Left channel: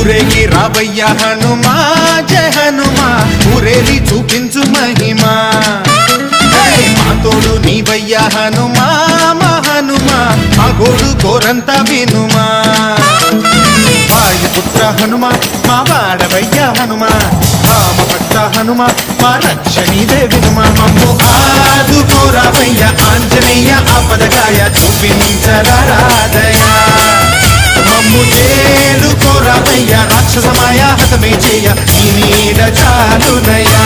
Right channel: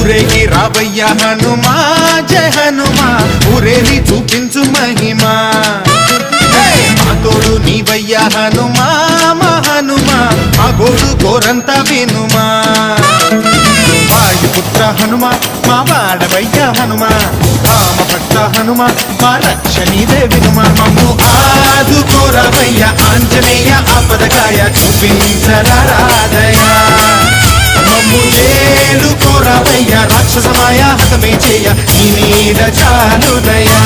ఊరేగి రావయ్య హనుమా జయ హనుమా ఊరేలి చూపించు మహిమా మా తోడు నీవయ్య హనుమా మా హనుమా మా గోడు గోరంత వినుమా వాయుపుత్ర హనుమా మా వాడవయ్య హనుమా రామభక్త హనుమా మా రక్షణీదే వినుమా మమ్ము ఆదుకోరావయ్య ఆంజనేయ ఆపదకాయ చూపించరాదయ మమ్ము ఏలుకోరావయ్య రాక్షసమాయ హతమే చేయ నీ నీడ చాలునయా